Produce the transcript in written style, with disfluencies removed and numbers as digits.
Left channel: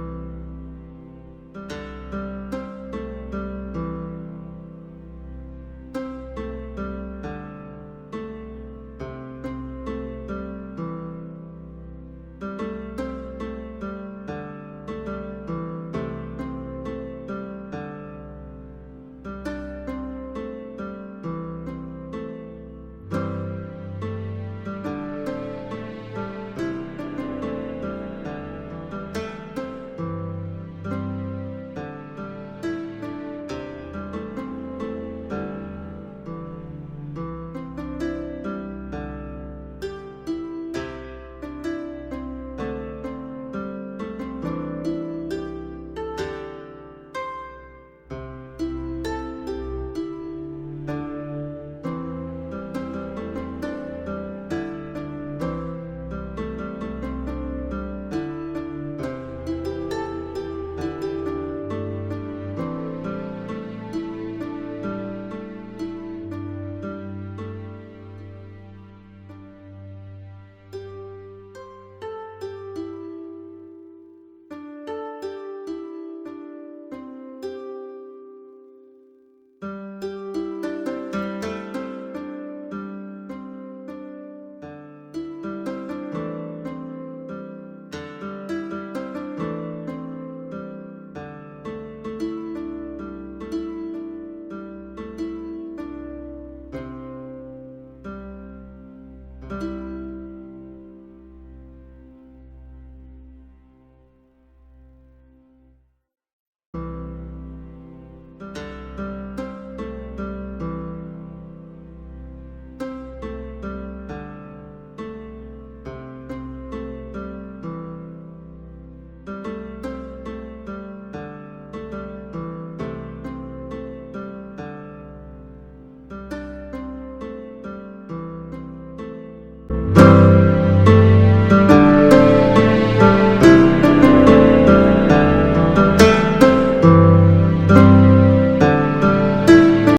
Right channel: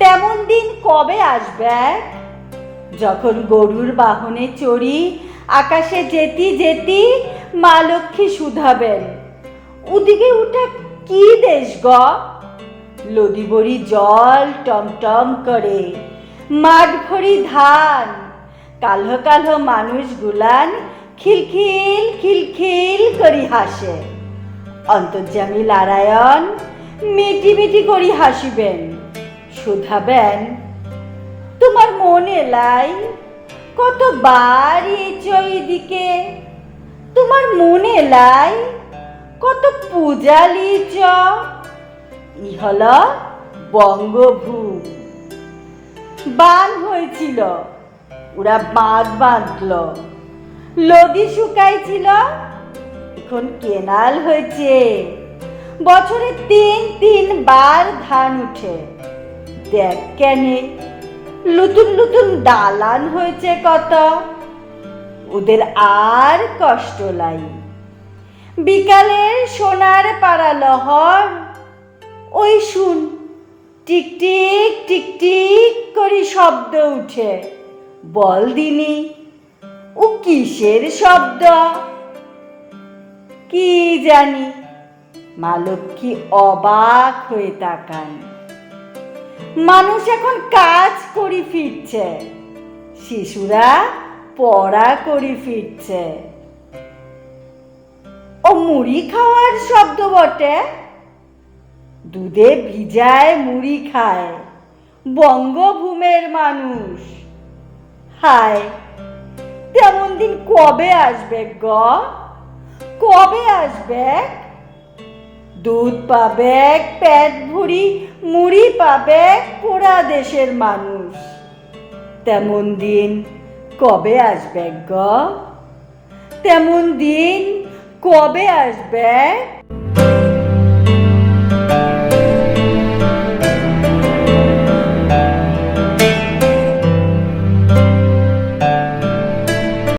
তেমন দিন কবে আসবে, যখন গরুর বাহনে চড়ি আকাশে যেতি যেতি মা লক্ষ্মী শুধাবেন, ওদিকে উঠে কি দেশ গ, লদি বড়ি জল টমটম করে, মাঠ ভরি ধান, কালো কালো মানুষ গুলান খিলখিল খিলখিল করি হাসে। অন্তর্যামী নারায়ণ মিটি মিটি করি হাসিবেন, শুধাবেন, তোমার মনে লাই কতবার এইদিকে, তোমার মনে লাই কত পূজা লিচ, ই হল বঙ্গভূম। বান হয়েছিল, ওরা বাঁধ বাঁধল, নদী শুকাইছিল, এখন কেনাল হয়েছে, বছরে 3 বার ধান উঠে। দেখ কেনে নতুন নতুন দালান হয়েছে কত, ওদের আর কষ্ট লাই। বিকালের সোনার পাড়া লহর, ওই শুন টিকটিক টিকটিক করে শব্দ উঠে, বল দিনি ও কিসের শব্দ? কি জানি, মা লক্ষ্মী অবাক হয়ে তাকান। মানুষ এখন কাজ করি ফিরছে, শিশুরা পড়া করি ফিরছে। ও মুড়ি খাওয়ার শব্দ বটে, দুধে ভিজায় মুড়ি খায় বঙ্গভূমের মানুষ। হায়, তেমন দিন কবে আসবে গ, কবে আসবে? দুধ পাবে পেট ভরি, মুড়ি পাবে পোড়া দেশের মানুষ। তেমন দিন কবে আসবে গ, তেমন দিন কবে আসবে?